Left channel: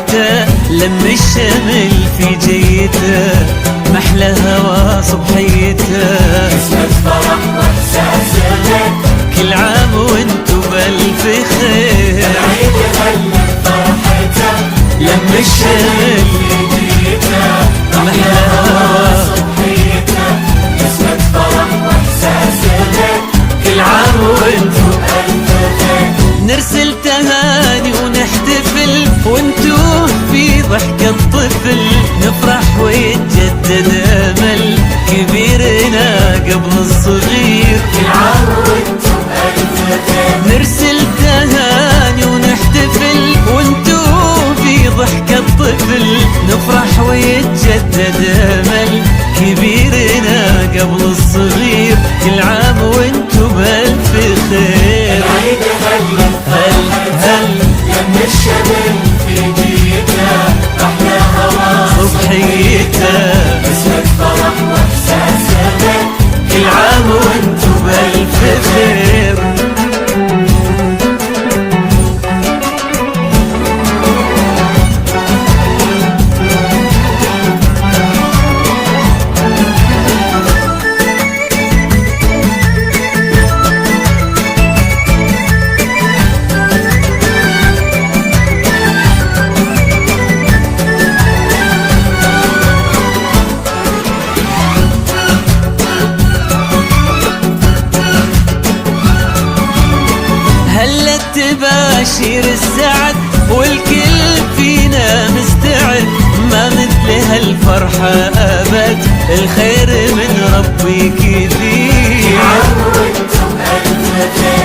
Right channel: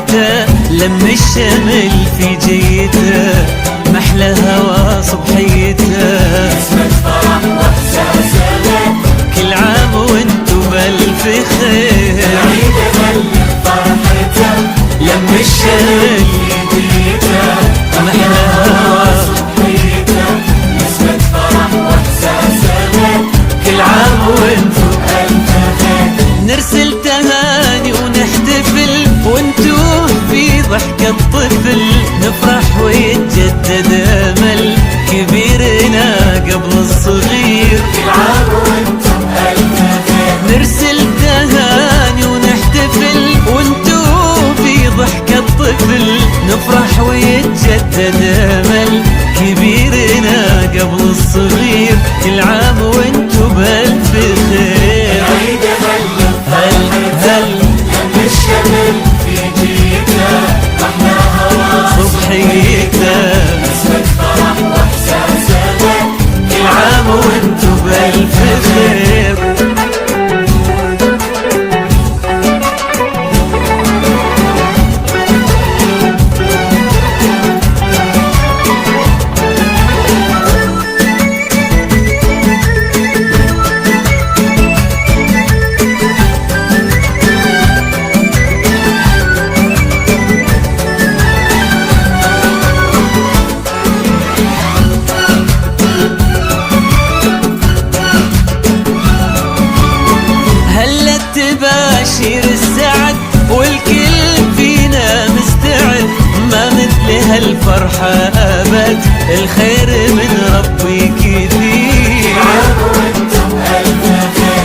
فرحته لم الشمل في جيته، محلى هوا صبحيته. كل عام وانتو بألف خير، لم الشمل محلى هوا، كل عام وانتو نرسل تهاني ونحتفل، وانتو في ضحكة طفل نفرح ويتجدد امل كبيرنا قبل الصغير. نرسل تهاني ونحتفل، وانتو في ضحكة طفل نفرح ويتجدد امل كبيرنا قبل الصغير. كل عام وانتو بألف خير. هل صبحيته، كل عام وانتو بألف خير. هلا تباشير السعد والكل فينا مستعد، ما مثل هالفرحة أبد، الخير من ربي كثير.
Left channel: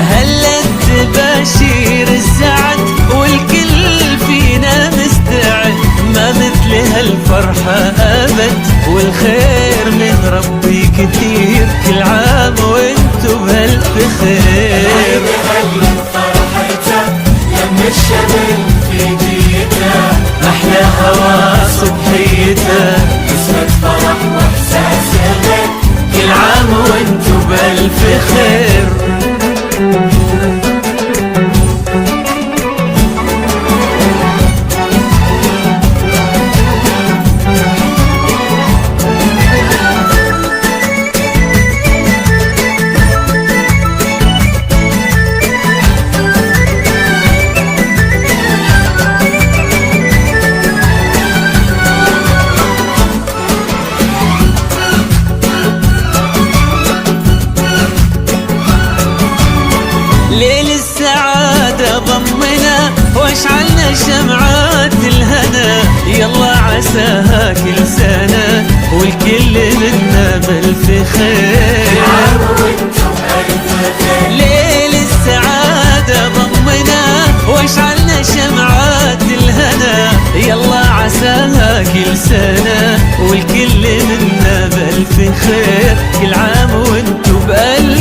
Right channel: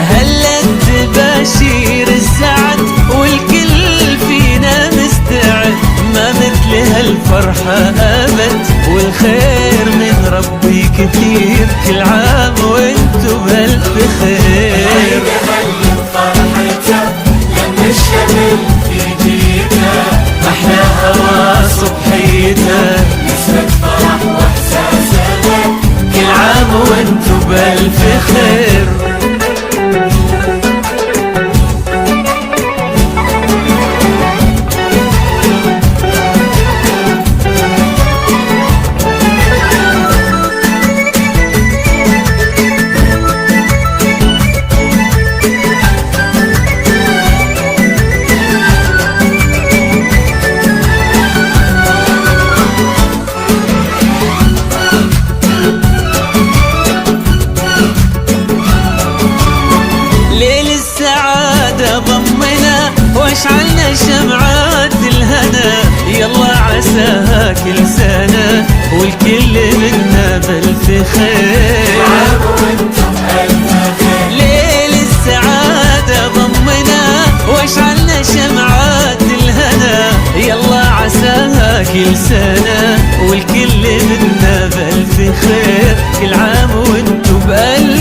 هلا تباشير السعد والكل فينا مستعد، ما مثل هالفرحة أبد، والخير من ربي كثير. كل عام وانتو بألف خير. محلى هوا صبحيته، كل عام وانتو بألف خير. ليل السعادة ضمنا واشعلنا شمعات الهنا، يلا عساها كل سنة والكل منا بألف خير. ليل السعادة ضمنا واشعلنا شمعات الهنا، يلا عساها كل سنة والكل منا بألف خير. كل عام وانتو بألف